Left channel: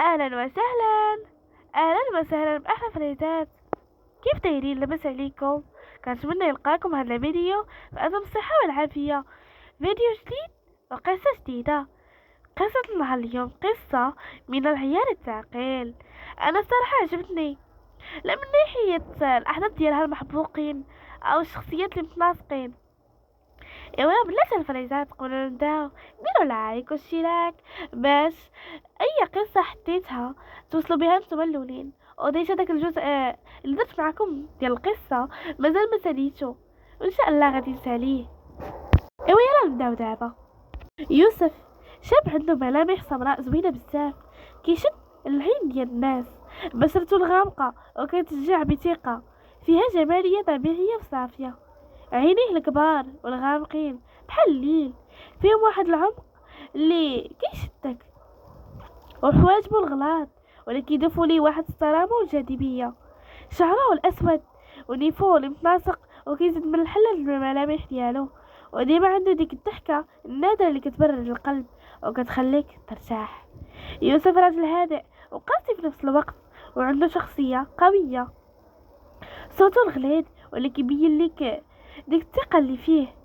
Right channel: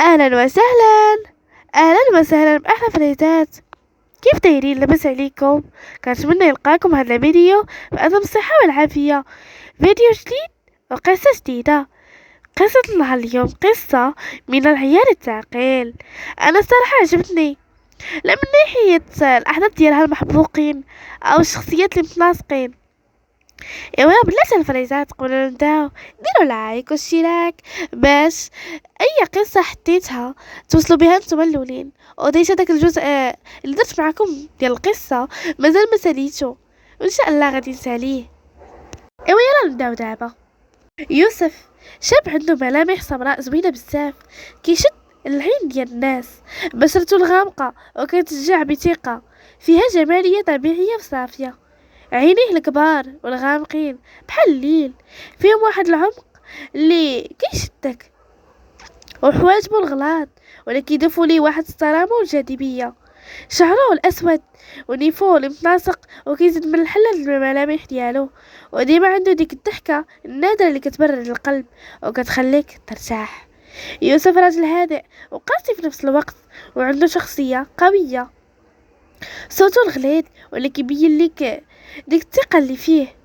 اهلا وسهلا. اهلا وسهلا باحلى فريتات. كيف دايرين؟ لاباس عليكم؟ كنتمنى يلقاكم هذا الفيديو بأتم الصحة والعافية. فيديو جديد وقصة جديدة. قصة نهار اليوم قصة من العيار الثقيل. انا الصراحة عجبتني، لا من ناحية الاحداث ديالها المحبوقين او الشخصيات المتناسقين. ايوا بلاتي الفريزات، قبل نبداو ديروا لايك واشتراك باش اي قصه حطيتها توصلوا بها نتوما الاولين. وديت هذاك الجزء اللي درت معكم ديال القصه مازال ما ساليتو، وان شاء الله غادي نساليه. ايوا يلا نبداو دابا. يوسف شاب عنده ملامح سمراء زوينه بزاف، كيشد العين ديال الناس. بشرته الغامقه وكتشجع بثقه، فيها جماليه طبيعيه وصافيه. عينيه الكبار والغامقين بحال الليل، فيهم واحد العمق اللي كيشدك. وحواجبو الغلاط ولا كيضيفوا ليه واحد الصرامه والجاذبيه. شعره الاسود ونيفو المتناسق وكيزيد من الحلة الملامح ديالو. وديما عنده ديك الضحكه النادره اللي كتبرد القلب وكتخليك ترتاح. يوسف راجل هادئ وقاسي في نفس الوقت، وعنده شخصيه قويه. صوته الغليظ واللي كيبين ليك ديك الثقه اللي فيه.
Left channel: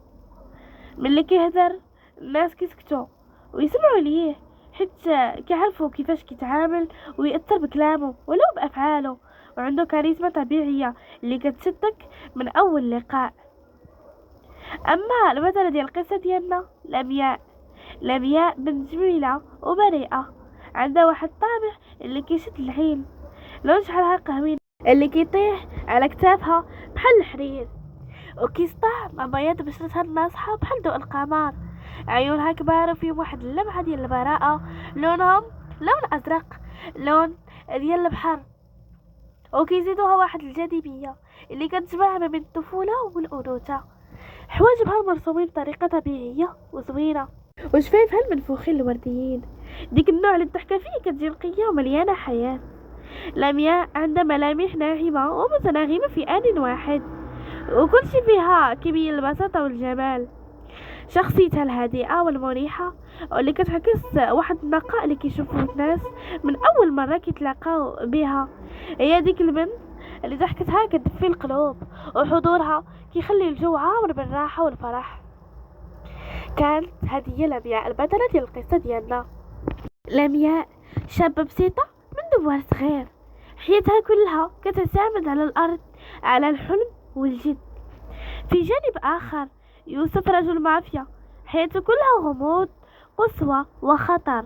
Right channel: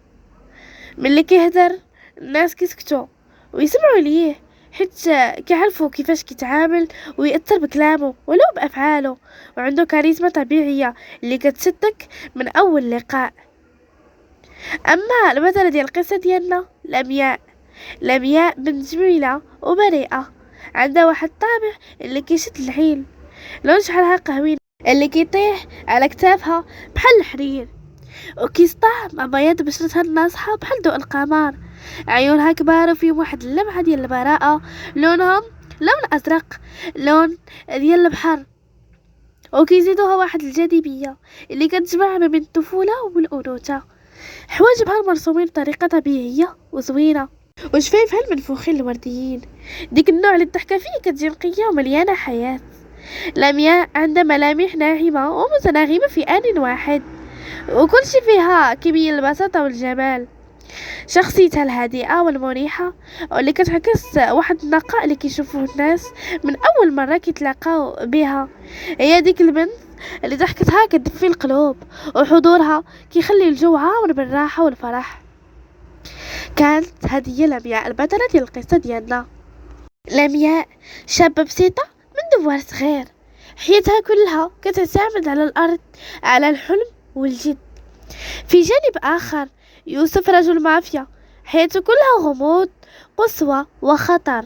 ملي كيهدر الناس كيسكتوا ويسمعوا ليه، حيت كيعرفوا كيفاش كيتعامل ويأثر بكلامه ولو بأفعاله. وعنده كاريزما طبيعية اللي كتشدك من أول لقاء. أما البطلة ديال القصة ديالنا لمياء بنت جميلة وبريئة، عندها واحد الطابع اللي كيشد العين. لون شعرها قهوي اللي كيطيح على كتافها بحال الحرير، وكيسطع مع بياض بشرتها الناصحة بحال ضوء القمر. عيونها كبار وفيهم واحد اللمعة ديال البراءة، لونهم لون أزرق، لون ديال البحر. وكيزيدوها واحد الجاذبية اللي كتجمع ما بين الطفولة والأنوثة. حواجبها مرسومين بطريقة طبيعية وزوينة، وشفايفها المنفوخين الورديين، ديك النوع اللي الضحكة فيه كتجي نقية ومليانة حياة. لمياء عندها ملامح ناعمة ومتناغمة في آن واحد، وكل شي فيها كيبين البساطة والجمال. شخصيتها الهادئة والمريحة واللي كتعكس واحد النقاء اللي كيشوفوه الناس من أول مرة كيتلاقاو بها. هي ديك البنت اللي ضحكتها كتدفي القلوب، وحضورها كيخلي الجو عامر بالراحة والفرح. كانت هذه لمياء البطلة ديال القصة ديالنا. لمياء شابة بسيطة من دوار صغير، حياتها كلها كتعتمد على الأرض، على الحلم والجد. في جانب آخر يوسف رجل مافيا، حياته كلها غموض، قسوة وخطر.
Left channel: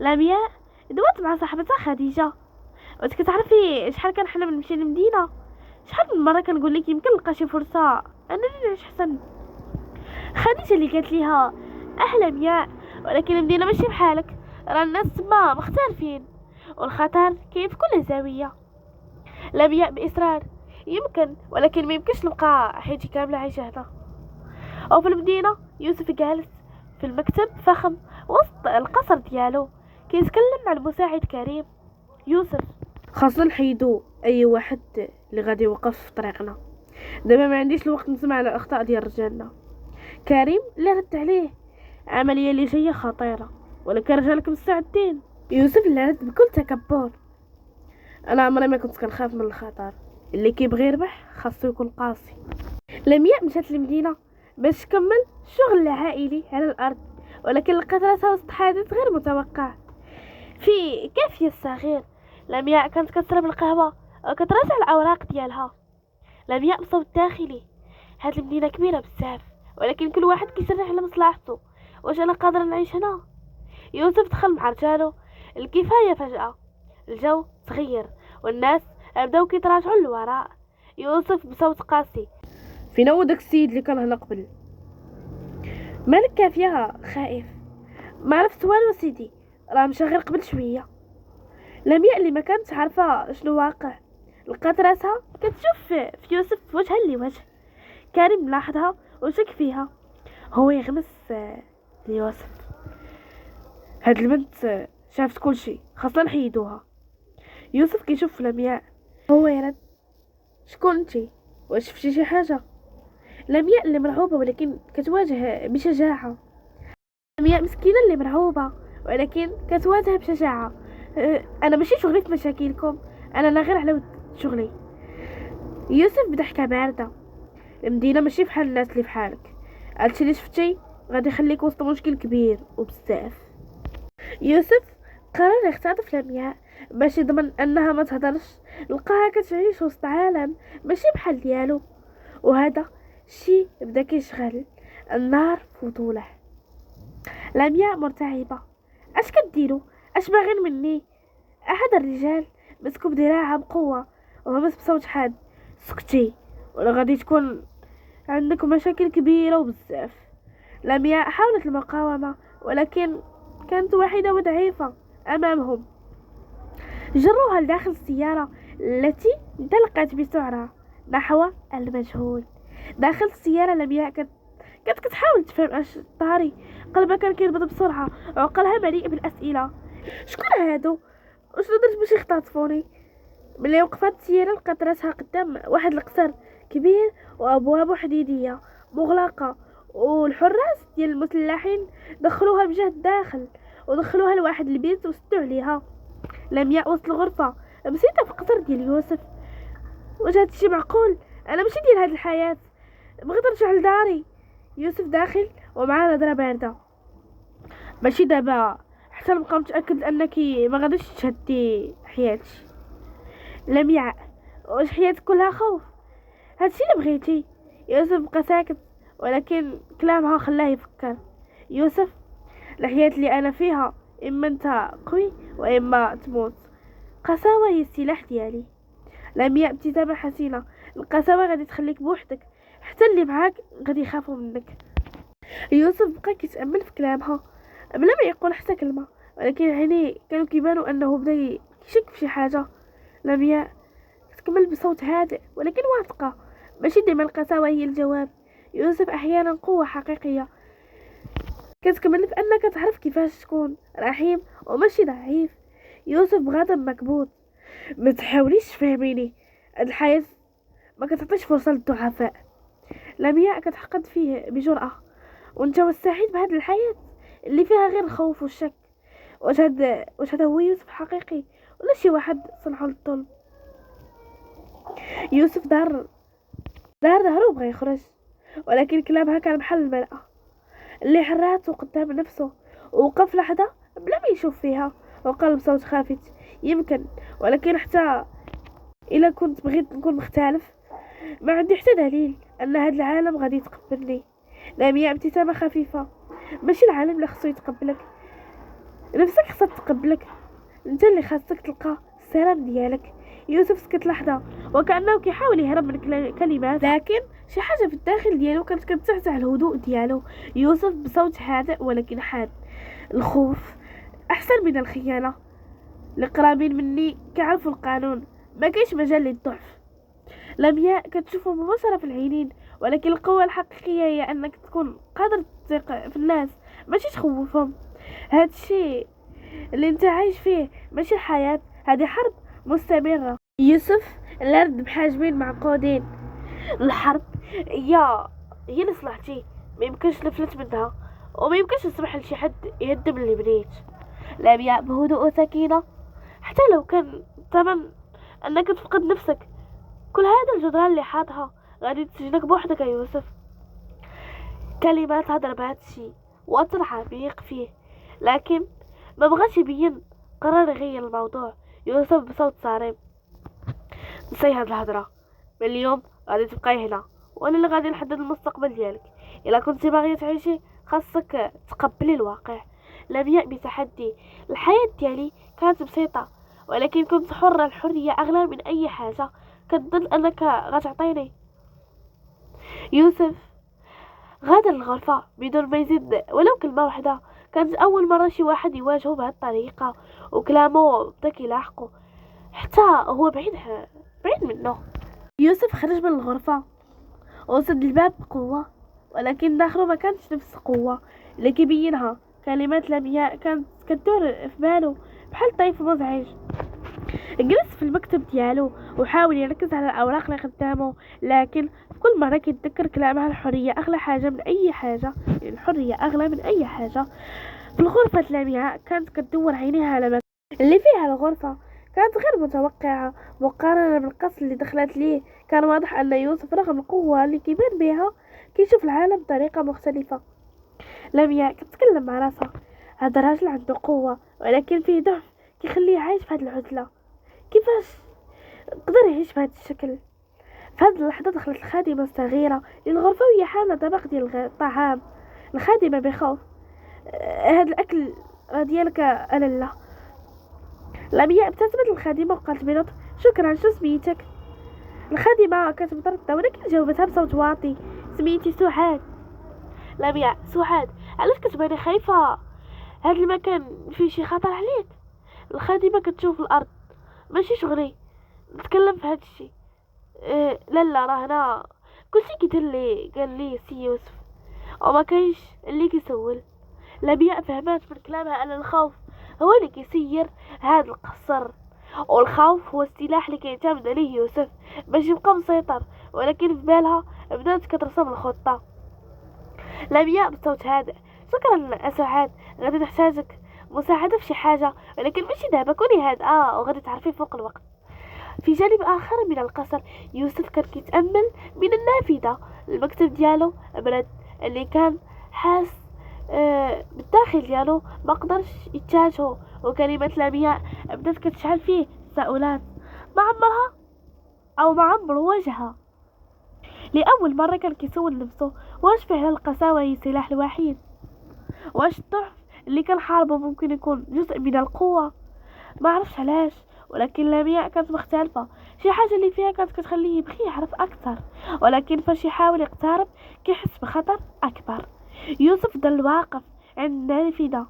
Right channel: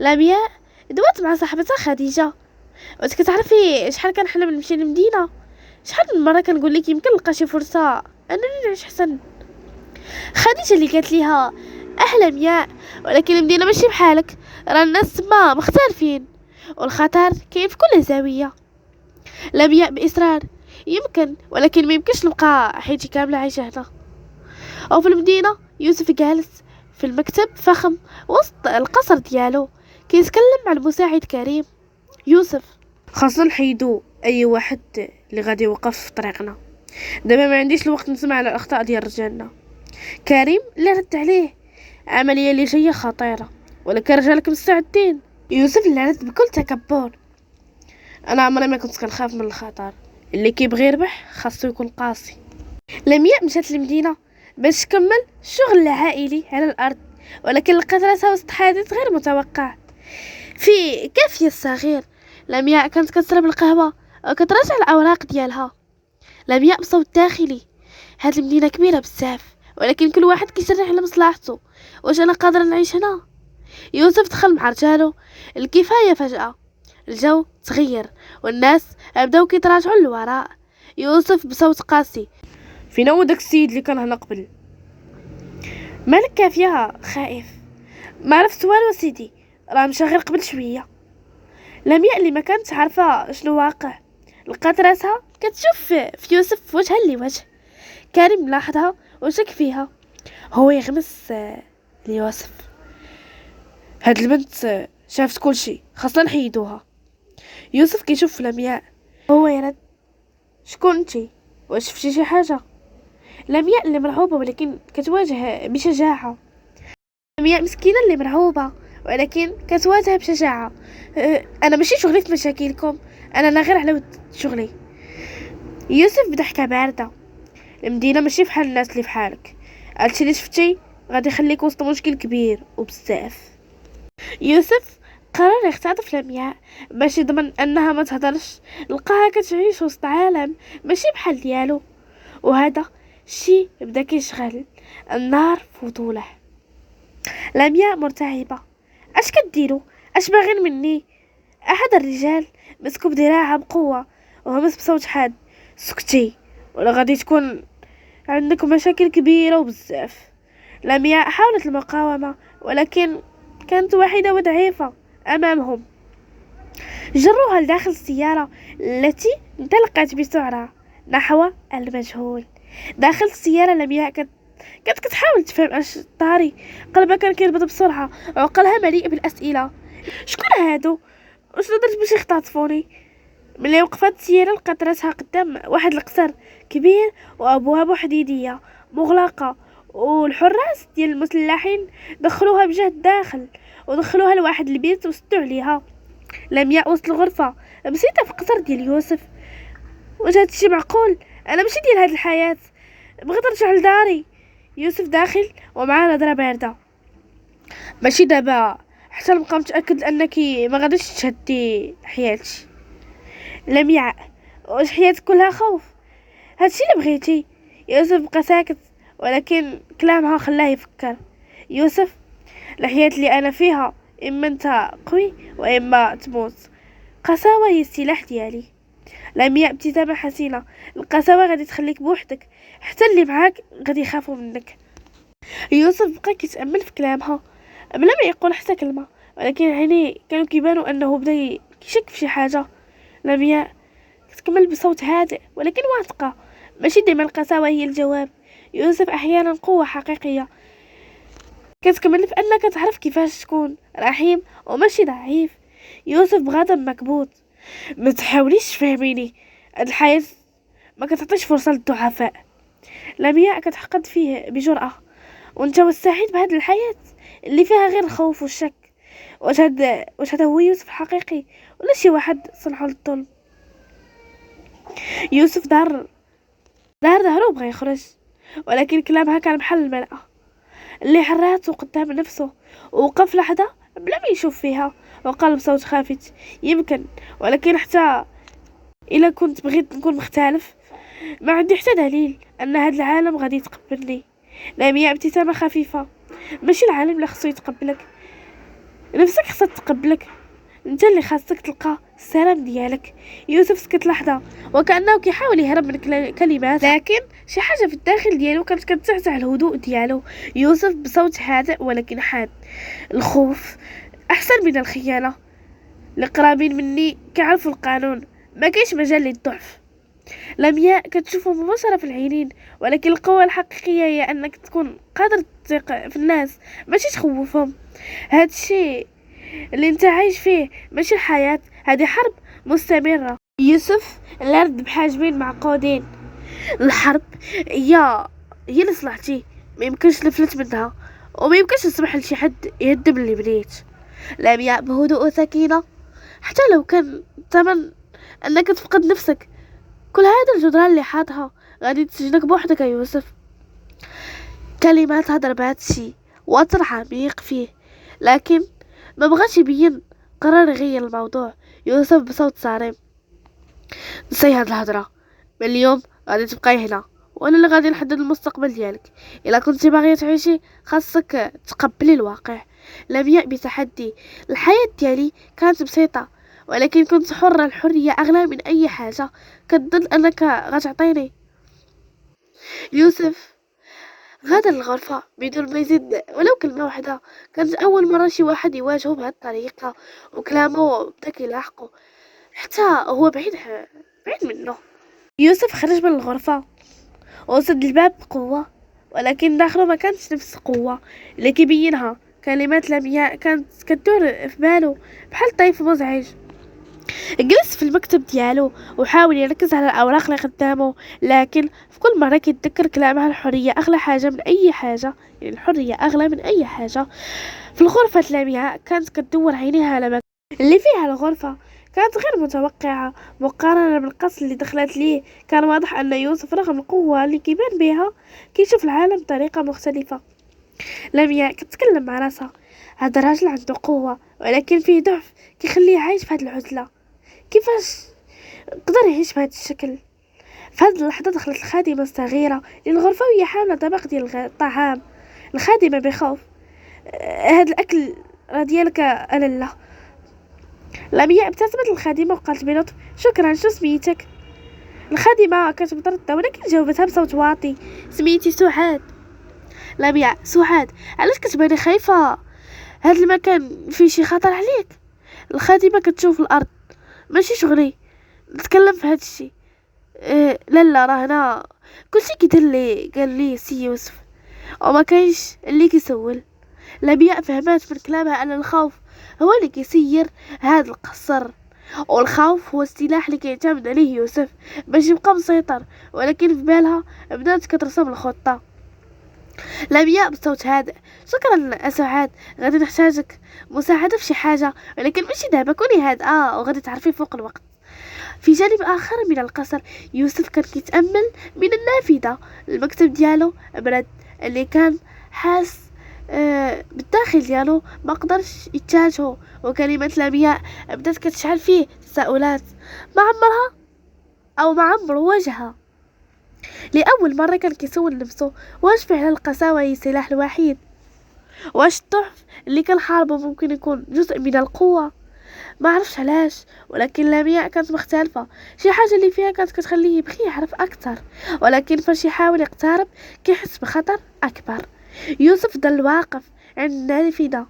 لمياء دوات مع صاحبتها خديجة. وانت كتعرفي شحال كنحلم نمشي للمدينة، شحال من مرة كنقول لك يمكن نلقى شي فرصة انني نعيش حسن. خديجة اللي قالت ليها احلى مياء، ولكن المدينة ماشي بحالك، راه الناس تما مختلفين والخطر كاين في كل زاوية. لمياء بإصرار يمكن، ولكن ما يمكنش نبقى حياتي كاملة عايشة هنا. وفي المدينة يوسف جالس في المكتب فخم وسط القصر ديالو، كيتكلم مع المساعد كريم. يوسف، خاصنا نحيدو اي واحد اللي غادي يوقف في طريقنا، دابا ما عنديش الوقت نسمع على الاخطاء ديال رجالنا. كريم اللي رد عليه، عمليه اللي جايه خطيره ولكن رجالك مستعدين. يوسف اللي رد بكل تكبر، انا عمري ما كنت كنخاف من الخطر، اللي كيبغي يربح خاصو يكون قاسي. لمياء مشات للمدينه باش تكمل الشغل العائلي على الارض، ولكن لقات راسها وسط حادث غير متوقع. في كافيه الصغير لمياء كانت كتشرب القهوه وكتراجع الاوراق ديالها. لمياء بصوت داخلي، هاد المدينه كبيره بزاف ولكن كل واحد كيسرح على مصلحته، واش انا قادره نعيش هنا؟ يوسف دخل مع رجالو الكفايه. فجاه الجو تغير والناس بداو كيتراجعوا للوراء. يوسف بصوت قاسي، فين هو داك السيد اللي كان هنا قبل؟ مالك كافيه خائف؟ ما عرفت والو سيدي، راه مشى غير قبل شويه. لمياء اللي ما كانت عارفه شنو واقع لقات راسها كتشوف في يوسف في وجها لوجه. كريم لاحظها وشك فيها، هو يغمس ليوسف، هاد البنت شافت كل شيء، خاصنا نحيدوها. يوسف كيشوف لمياء، هو يرد، شكون انتي؟ واش شفتي شي حاجه؟ لمياء اللي مرعوبه ولكن كتواجه بشجاعه. لمياء مسكينه اللي مرعوبه ولكن كتواجه بشجاعه. انا ماشي شغلي في مشاكلكم، انا غير على ود شغلي. يوسف بضحكه بارده. المدينه ماشي بحال الناس اللي بحالك، هادشي اللي شفتي غادي يخليك وسط مشكل كبير وبزاف. يوسف قرر يختطف لمياء باش يضمن انها ما تهضرش، لقاها كتعيش وسط عالم ماشي بحال ديالو، وهذا الشي بدا كيشغل النار فضوله. لمياء مرتعبه. اش كديروا؟ اش باغين مني؟ احد الرجال مسكو بذراعها بقوه وهمس بصوت حاد: سكتي ولا غادي تكون عندك مشاكل كبيره وبزاف. لمياء حاولت المقاومه ولكن كانت وحيده وضعيفه امامهم. جروها لداخل السياره التي انطلقت بسرعه نحو المجهول. داخل السياره لمياء كانت كتحاول تفهم اش طاري. قلبها كان كينبض بسرعه وعقلها مليء بالاسئله. شكون هادو؟ واش درت باش يختطفوني؟ ملي وقفت السياره لقات راسها قدام واحد القصر كبير وابوابه حديديه مغلقه، والحراس ديال المسلحين دخلوها بجهد الداخل ودخلوها لواحد البيت وسدوا عليها. لمياء وسط الغرفه بسيطه في قصر ديال يوسف. واش هادشي معقول؟ انا ماشي ديال هاد الحياه، بغيت نرجع لداري. يوسف داخل ومعاه نظره بارده. ماشي دابا حتى نبقى متاكد انك ما غاديش تشهدي حياتي. لمياء واش حياتك كلها خوف؟ هادشي اللي بغيتي؟ يوسف بقى ساكت ولكن كلامها خلاه يفكر. يوسف، الحياة اللي انا فيها اما انت قوي واما تموت. قساوة هي السلاح ديالي. لمياء ابتسامة حسينة. القساوة غادي تخليك بوحدك، حتى اللي معاك غادي يخافوا منك. يوسف بقى كيتامل في كلامها بلا ما يقول حتى كلمه، ولكن عينيه كانوا كيبانوا انه بدا كيشك في شي حاجه. لمياء تكمل بصوت هادئ ولكن واثقه. ماشي ديما القساوه هي الجواب، يوسف احيانا قوه حقيقيه كتكمل في انك تعرف كيفاش تكون رحيم وماشي ضعيف. يوسف بغضب مكبوت. ما تحاوليش تفهميني، هاد الحياه ما كتعطيش فرصه للضعفاء. لمياء كتحقد فيه بجرأة. وانت والسعيد بهاد الحياة اللي فيها غير الخوف والشك؟ واش هذا هو يوسف الحقيقي ولا شي واحد صنعه للظلم؟ يوسف دار ظهره بغى يخرج، ولكن كلامها كان بحال المرأة اللي حراتو قدام نفسه. ووقف لحظة بلا ما يشوف فيها وقال بصوت خافت: يمكن، ولكن حتى إلا كنت بغيت نكون مختلف ما عندي حتى دليل ان هاد العالم غادي يتقبلني. لمياء ابتسامة خفيفة. ماشي العالم اللي خصو يتقبلك، نفسك خصها تقبلك، انت اللي خاصك تلقى السلام ديالك. يوسف سكت لحظة وكأنه كيحاول يهرب من كلمات، لكن شي حاجة في الداخل ديالو كانت كتزعزع الهدوء ديالو. يوسف بصوت هادئ ولكن حاد: الخوف احسن من الخيانة. القرابين مني كيعرفوا القانون، ما كاينش مجال للضعف. لمياء كتشوفه مباشرة في العينين، ولكن القوة الحقيقية هي انك تكون قادر تثق في الناس ماشي تخوفهم. هادشي اللي انت عايش فيه ماشي الحياة، هذه حرب مستمرة. يوسف الارض بحاجبين معقودين. الحرب هي لصلاحتي، ما يمكنش نفلت منها وما يمكنش نسمح لشي حد يهدم اللي بنيت. لمياء بهدوء وسكينة: حتى لو كان ثمن انك تفقد نفسك، كل هذا الجدران اللي حاطها غادي تسجنك بوحدك يا يوسف. كلمات هضر بهذا الشي وأثر عميق فيه، لكن ما بغاش يبين. قرر يغير الموضوع. يوسف بصوت صارم: نسي هاد الهضره، من اليوم غادي تبقاي هنا وانا اللي غادي نحدد المستقبل ديالك. الا كنتي باغيه تعيشي خاصك تقبلي الواقع. لمياء بتحدي: الحياه ديالي كانت بسيطه ولكن كنت حره، الحريه اغلى من اي حاجه كتظن انك غتعطيني. يوسف غادر الغرفة بدون ما يزيد ولو كلمة واحدة. كانت أول مرة شي واحد يواجهه بهذه الطريقة، وكلامه بدا كيلاحقه حتى هو بعيد منه. يوسف خرج من الغرفة وسد الباب بقوة، ولكن داخله ما كانتش نفس القوة اللي كيبينها. كلمات لمياء كانت كدور في باله بحال طيف مزعج. جلس في المكتب ديالو وحاول يركز على الأوراق اللي قدامه، لكن في كل مرة كيتذكر كلامها: الحرية أغلى حاجة من أي حاجة. يعني الحرية أغلى من أي حاجة. في الغرفة لمياء كانت كتدور عينيها على اللي فيها الغرفة كانت غير متوقعة مقارنة بالقصر اللي دخلت ليه. كان واضح أن يوسف رغم القوة اللي كيبان بها كيشوف العالم بطريقة مختلفة. لمياء كتتكلم مع راسها، هذا الراجل عنده قوة ولكن فيه ضعف كيخليه عايش في هاد العزلة. كيفاش قدر يعيش بهذا الشكل؟ في هذه اللحظة دخلت الخادمة الصغيرة للغرفة وهي حاملة طبق ديال الطعام. الخادمة بخوف، هاد الأكل راه ديالك ألالا. لمياء ابتسمت الخادمة وقالت بلطف، شكرا، شو سميتك؟ الخادمة كانت مترددة ولكن جاوبتها بصوت واطي، سميتي سعاد. لمياء، سعاد، علاش كتباني خايفة؟ هاد المكان فيه شي خطر عليك؟ الخادمة كتشوف الأرض، ماشي شغلي نتكلم في هاد الشي. لا راه هنا كلشي كيدير لي قال لي سي يوسف وما كاينش اللي كيسول. لمياء فهمات من كلامها ان الخوف هو اللي كيسير هذا القصر، والخوف هو السلاح اللي كيعتمد عليه يوسف باش يبقى مسيطر. ولكن في بالها بدات كترسم الخطه. لمياء بصوت هادئ، شكرا سعاد، غادي نحتاجك مساعده في شي حاجه ولكن ماشي دابا، كوني هادئه وغادي تعرفي فوق الوقت. في جانب آخر من القصر يوسف كان كيتأمل من النافذة. المكتب ديالو برد، اللي كان حاس بالداخل ديالو ما قدرش يتجاهه، وكلمات لمياء بدات كتشعل فيه تساؤلات. ما عمرها او ما عمر وجهها. لأول مرة كان كيسول نفسه، واش فعلا القساوة هي السلاح الوحيد؟ واش الضعف اللي كان حاربه ممكن يكون جزء من القوة؟ ما عرفش علاش ولكن لمياء كانت مختلفة. شي حاجة اللي فيها كانت كتخليه يبغي يعرف اكثر، ولكن فاش يحاول يقترب كيحس بخطر اكبر. يوسف ضل واقف عند النافذة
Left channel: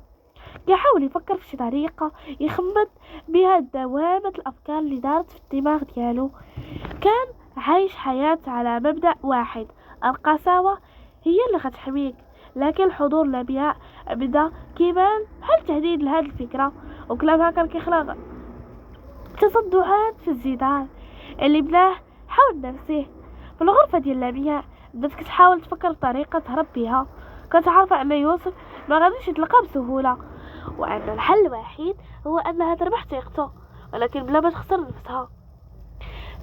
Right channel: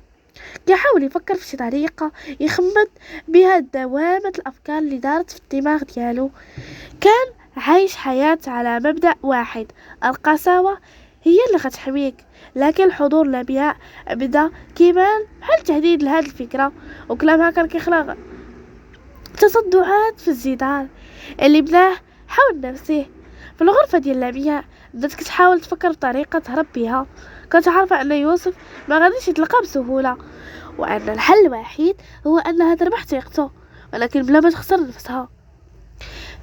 كيحاول يفكر في شي طريقة يخمد بها دوامة الافكار اللي دارت في الدماغ ديالو. كان عايش حياة على مبدأ واحد، القساوة هي اللي غتحميك. لكن حضور لمياء بدا كيبان بحال تهديد لهاد الفكرة، وكلامها كان كيخلق تصدعات في الجدار اللي بناه حول نفسه. في الغرفة ديال لمياء بدات كتحاول تفكر بطريقة تهرب بها. كانت عارفة ان يوسف ما غاديش يطلقها بسهولة، وان الحل الوحيد هو انها تربح ثقته ولكن بلا ما تخسر نفسها.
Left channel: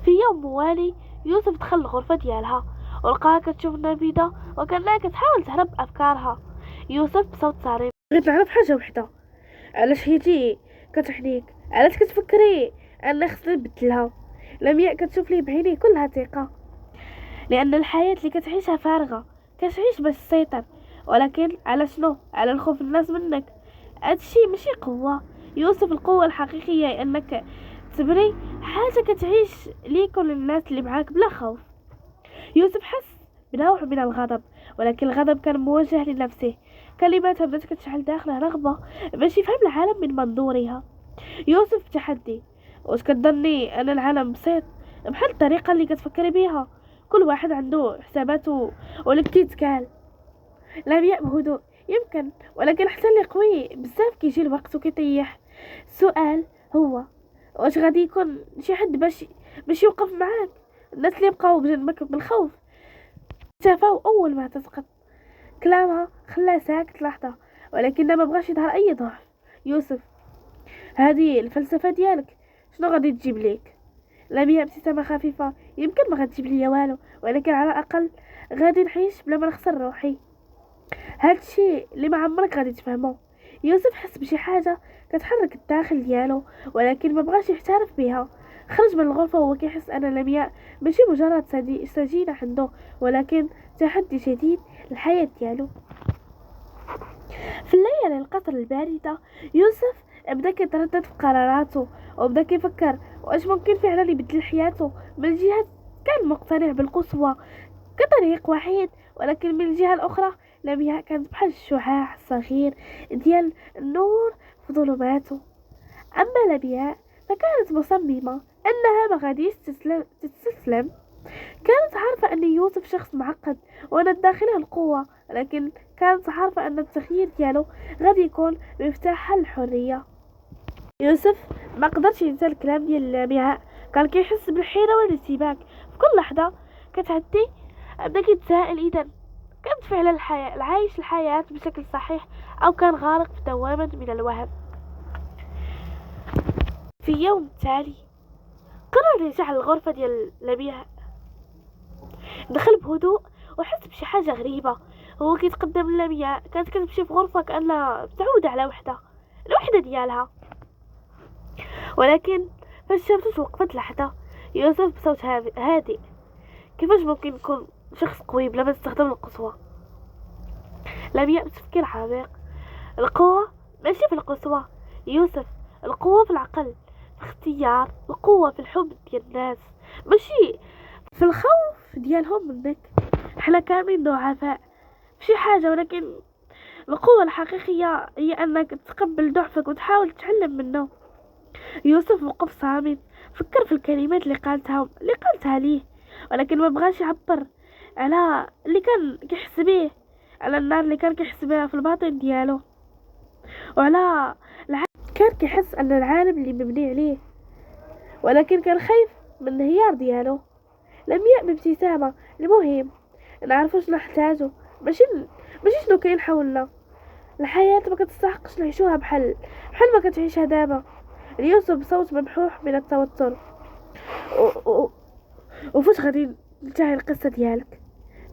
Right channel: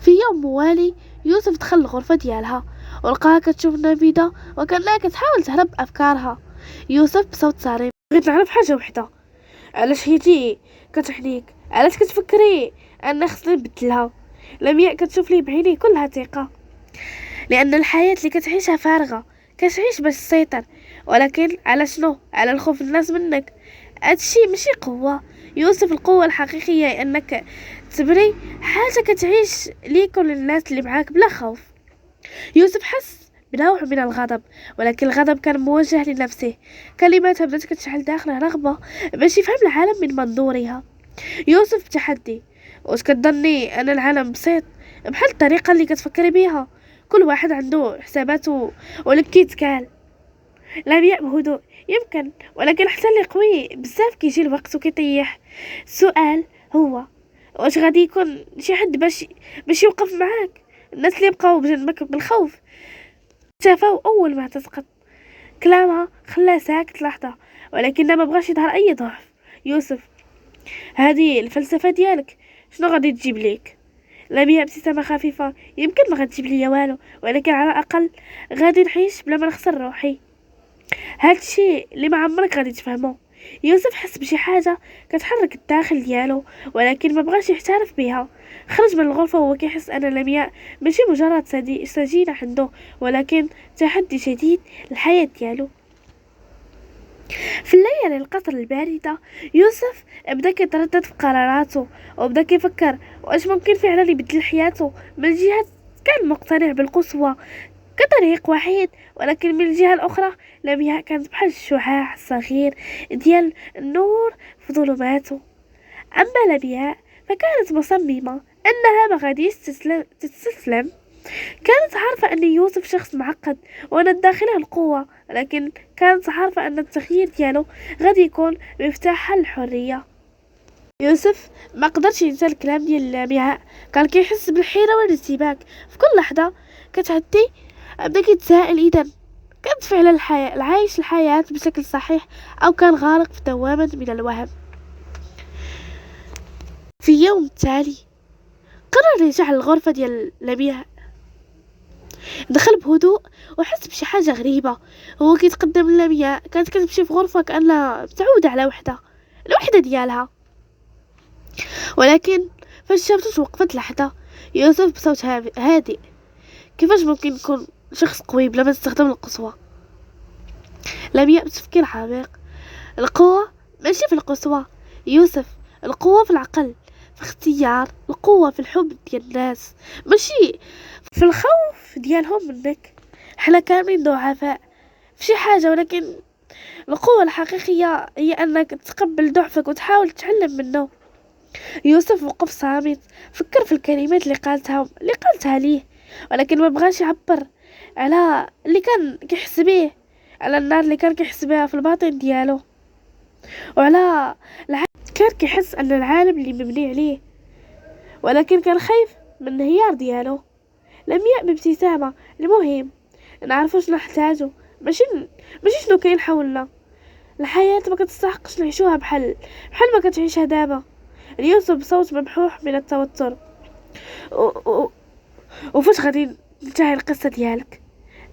في يوم موالي يوسف دخل الغرفة ديالها ولقاها كتشوف النافذة وكانها كتحاول تهرب بأفكارها. يوسف بصوت صارم، بغيت نعرف حاجة وحدة، علاش حيتي كتحنيك؟ علاش كتفكري ان خصني نبدلها؟ لمياء كتشوف ليه بعينيه كلها ثقة، لان الحياة اللي كتعيشها فارغة، كتعيش باش تسيطر. ولكن على شنو؟ على الخوف الناس منك. هادشي ماشي قوة. يوسف، القوة الحقيقية هي انك تبري حاجة كتعيش ليك وللناس اللي معاك بلا خوف. يوسف حس بنوع من الغضب، ولكن الغضب كان موجه لنفسه. كلماتها بدات كتشعل داخله رغبة باش يفهم العالم من منظورها. يوسف بتحدي، واش كتظني ان العالم بسيط بحال الطريقة اللي كتفكري بيها؟ كل واحد عنده حساباته ولك كيتكال. لمياء بهدوء، يمكن، ولكن حتى اللي قوي بزاف كيجي الوقت وكيطيح. السؤال هو واش غادي يكون شي حد باش يوقف معاك؟ الناس اللي بقاو بجنبك بالخوف شافوا اول ما تسقط. كلامها خلاه ساكت لحظة ولكن ما بغاش يظهر اي ضعف. يوسف، هذه الفلسفة ديالك شنو غادي تجيب ليك؟ لمياء ابتسامة خفيفة، يمكن ما غتجيب ليا والو ولكن على الاقل غادي نعيش بلا ما نخسر روحي. هادشي اللي ما عمرك غادي تفهمه. يوسف حس بشي حاجة كتحرك الداخل ديالو ولكن ما بغاش يعترف بها. خرج من الغرفة وهو كيحس ان لمياء ماشي مجرد سجينة عنده ولكن تحدي جديد للحياة ديالو. في الليالي القصر الباردة يوسف بدا كيتردد في قراراته وبدا كيفكر واش ممكن فعلا يبدل حياته. من الجهة كان مقتنع بالقسوة كطريق وحيد، ولكن من الجهة الأخرى لمياء كانت بحال الشعاع الصغير ديال النور في ظلماته. أما لمياء فكانت مصممة أنها ما غاديش تستسلم. كانت عارفة أن يوسف شخص معقد وأن داخله القوة، لكن كانت عارفة أن التغيير ديالو غادي يكون مفتاح الحرية. يوسف ما قدرش ينسى الكلام ديال لمياء، كان كيحس بالحيرة والارتباك في كل لحظة كتعدي. بدا كيتساءل إذا كانت فعلا العايش الحياة بشكل صحيح أو كان غارق في دوامة من الوهم. في يوم تالي قرر يرجع للغرفة ديال لمياء. دخل بهدوء وحس بشي حاجة غريبة. هو كيتقدم لمياء كانت كتمشي في غرفة كأنها متعودة على الوحدة ديالها، ولكن فجأة توقفت لحظة. يوسف بصوت هادئ: كيفاش ممكن يكون شخص قوي بلا ما يستخدم القسوة؟ لمياء بتفكير عميق: القوة ماشي في القسوة يوسف، القوة في العقل، في اختيار القوة، في الحب ديال الناس، ماشي في الخوف ديالهم منك. حنا كاملين ضعفاء في شي حاجة، ولكن القوة الحقيقية هي أنك تتقبل ضعفك وتحاول تتعلم منه. يوسف وقف صامت، فكر في الكلمات اللي قالتها ليه، ولكن ما بغاش يعبر على اللي كان كيحس بيه، على النار اللي كان كيحس بها في الباطن ديالو، وعلى كان كيحس ان العالم اللي مبني عليه، ولكن كان خايف من الانهيار ديالو. لمياء بابتسامة: المهم نعرفوا شنو نحتاجو، ماشي شنو كاين حولنا. الحياة ما كتستحقش نعيشوها بحال ما كتعيشها دابا. يوسف بصوت ممحوح من التوتر: وفاش غادي تنتهي القصة ديالك؟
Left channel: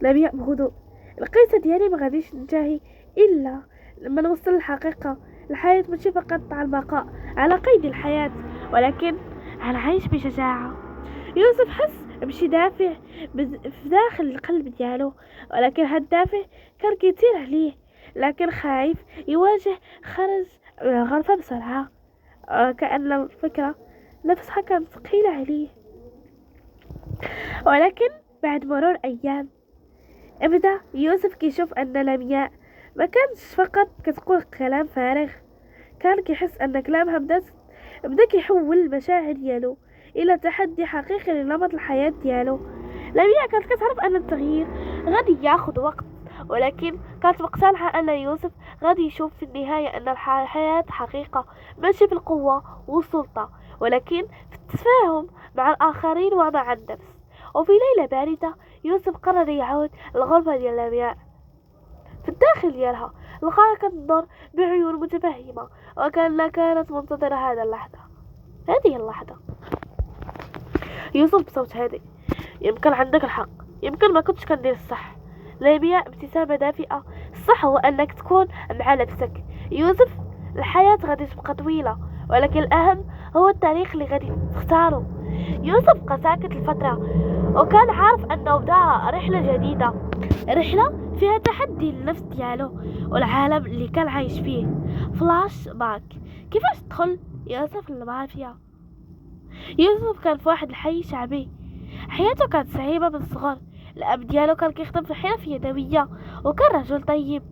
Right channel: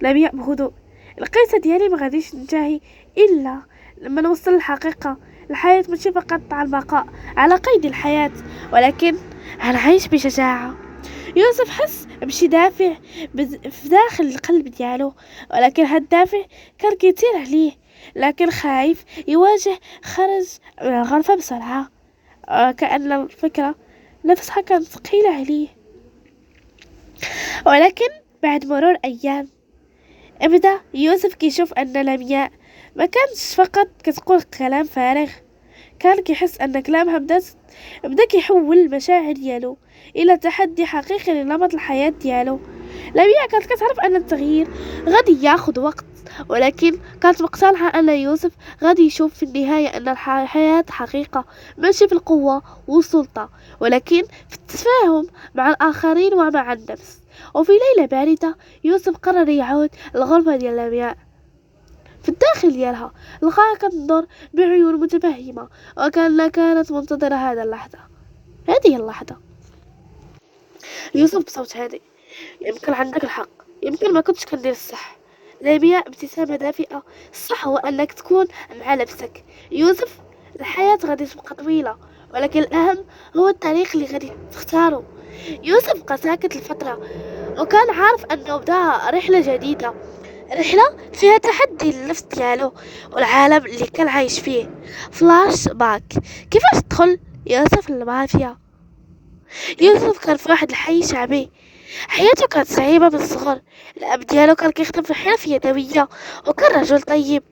لمياء بهدوء: القصة ديالي ما غاديش تنتهي إلا لما نوصل للحقيقة. الحياة ماشي فقط على البقاء على قيد الحياة، ولكن غنعيش بشجاعة. يوسف حس بشي دافع في داخل القلب ديالو، ولكن هاد الدافع كان كيطير عليه، لكن خايف يواجه. خرج من الغرفة بسرعة، كأن الفكرة نفسها كانت ثقيلة عليه. ولكن بعد مرور أيام ابدا يوسف كيشوف ان لمياء ما كانش فقط كتقول كلام فارغ، كان كيحس ان كلامها بدا كيحول المشاعر ديالو الى تحدي حقيقي لنمط الحياة ديالو. لمياء كانت كتعرف ان التغيير غادي ياخد وقت، ولكن كانت مقتنعة ان يوسف غادي يشوف في النهاية ان الحياة حقيقة ماشي في القوة والسلطة، ولكن في التفاهم مع الآخرين ومع النفس. وفي ليلة باردة يوسف قرر يعود للغرفة ديال لمياء. في الداخل ديالها لقاها كتنظر بعيون متفهمة، وكأنها كانت منتظرة هذه اللحظة. يوسف بصوت هادئ: يمكن عندك الحق، يمكن ما كنتش كندير الصح. لمياء ابتسامة دافئة: الصح هو انك تكون مع نفسك يوسف. الحياة غادي تبقى طويلة، ولكن الأهم هو الطريق اللي غادي تختاره. يوسف بقى ساكت لفترة، وكان عارف أنه بدا رحلة جديدة، رحلة فيها تحدي للنفس ديالو والعالم اللي كان عايش فيه. فلاش باك: كيفاش تدخل يوسف للمافيا؟ يوسف كان في واحد الحي شعبي، حياته كانت صعيبة من الصغر. الأب ديالو كان كيخدم في الحرف يدوية، وكان رجل طيب،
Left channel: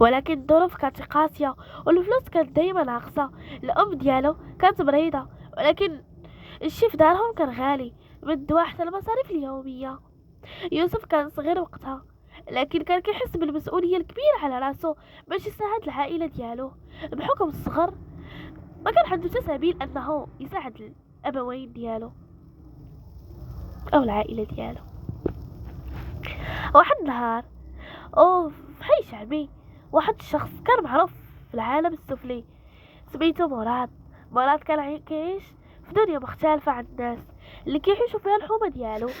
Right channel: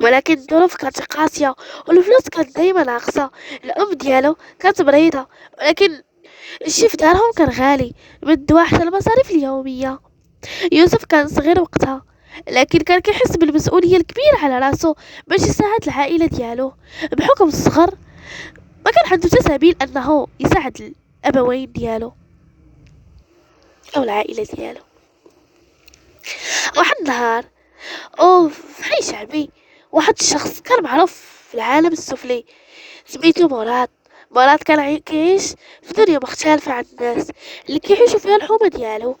ولكن الظروف كانت قاسية والفلوس كانت دايما ناقصة. الأم ديالو كانت مريضة، ولكن الشي في دارهم كان غالي، من الدواء حتى المصاريف اليومية. يوسف كان صغير وقتها، لكن كان كيحس بالمسؤولية الكبيرة على راسو باش يساعد العائلة ديالو. بحكم الصغر ما كان عنده سبيل أنه يساعد الأبوين ديالو أو العائلة ديالو. واحد النهار في حي شعبي، واحد الشخص كان معروف في العالم السفلي سميتو مراد كان كيعيش في دنيا مختلفة عن الناس اللي كيعيشوا فيها الحومة ديالو.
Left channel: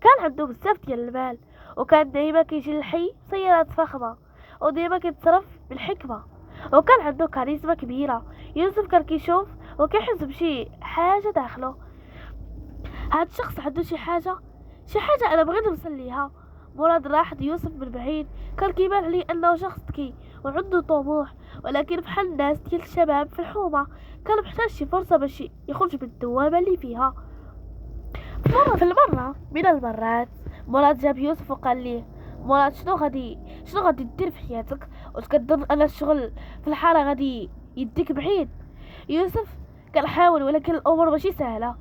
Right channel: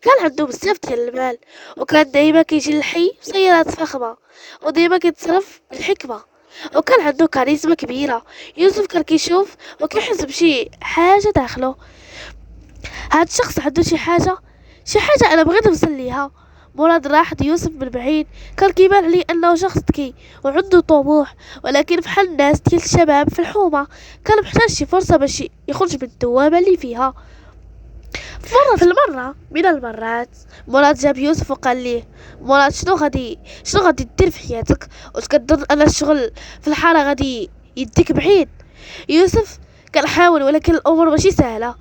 كان عنده بزاف ديال المال، وكان دايما كيجي للحي بسيارات فخمة، ودايما كيتصرف بالحكمة، وكان عنده كاريزما كبيرة. يوسف كان كيشوف وكيحس بشي حاجة داخله. هاد الشخص عنده شي حاجة انا بغيت نوصل ليها. مراد راح يوسف من بعيد، كان كيبان عليه انه شخص ذكي وعنده طموح، ولكن بحال الناس ديال الشباب في الحومة كان محتاج شي فرصة باش يخرج من الدوامة اللي فيها. في المرة من المرات مراد جاب يوسف وقال ليه: مراد، شنو غادي دير في حياتك وتكظن ان الشغل في الحارة غادي يديك بعيد؟ يوسف كان حاول، ولكن الامور ماشي سهلة.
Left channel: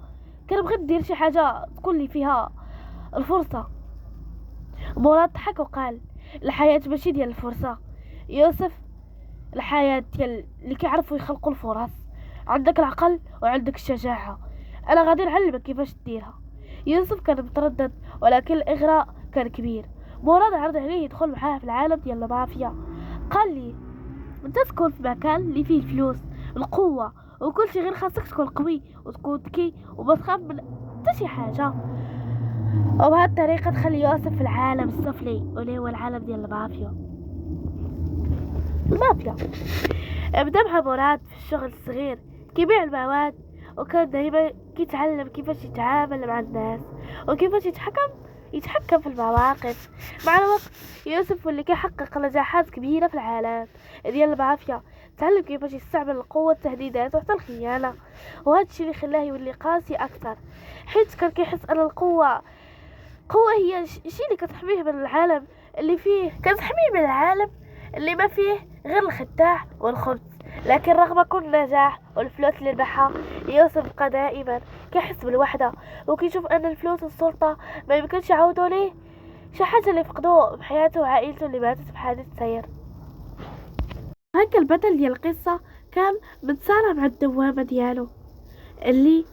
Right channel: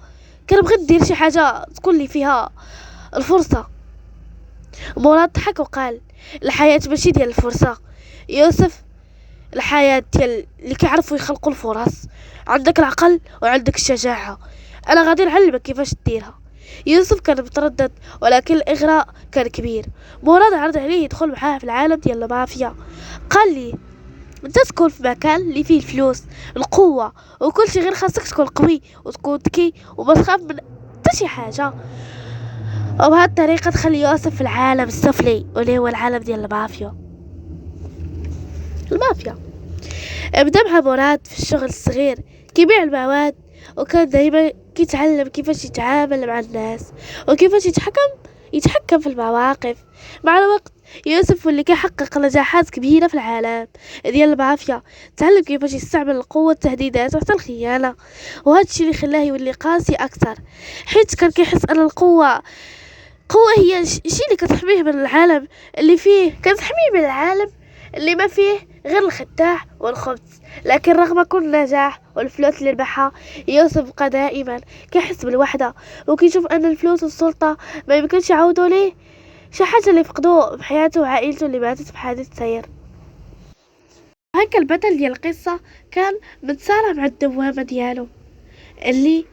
كان بغيت ندير شي حاجة تكون لي فيها الفرصة. مراد ضحك وقال: الحياة ماشي ديال الفرصة يوسف، الحياة ديال اللي كيعرفوا يخلقوا الفرص. عندك العقل وعندك الشجاعة، انا غادي نعلمك كيفاش ديرها. يوسف كان متردد، ولكن الاغراء كان كبير. مراد عرض عليه يدخل معاه في العالم ديال المافيا. قال لي: انت تكون في مكان اللي فيه الفلوس القوة وكل شيء، غير خاصك تكون قوي وتكون ذكي وما تخاف من حتى شي حاجة. وبهذه الطريقة تخلي يوسف في العالم السفلي واللي هو العالم ديال المافيا. بدا مع مراد في الشغل الصغير كيبيع المواد، وكان دايما كيتعلم كيفاش يتعامل مع الناس وكيفاش يتحكم في المواقف. مع الوقت يوسف واللي كيحقق نجاحات كبيرة في العالم ديال المافيا، تعلم كيفاش يستعمل القوة، التهديدات وحتى الخيانة، وهذا الشيء اللي خلاه يولي قاسي أكثر، حيت كان كيحس أن القوة هي الشيء اللي كتحميه من العالم اللي فيه، كتحميه من العالم اللي ما فيه غير الخداع والخبز. لكن رغم كل النجاح والفلوس اللي ربحها، يوسف بقى دائما كيحس بالوحدة، وكيشوف ان الفلوس والسلطة ما يمكنش يعوضوا ليه شي حاجة اللي فقدوه بحياته وعائلته اللي ماتت بحادث سير. هكا البطل ديال القصة كان متصارع مع الدوامة ديالو اللي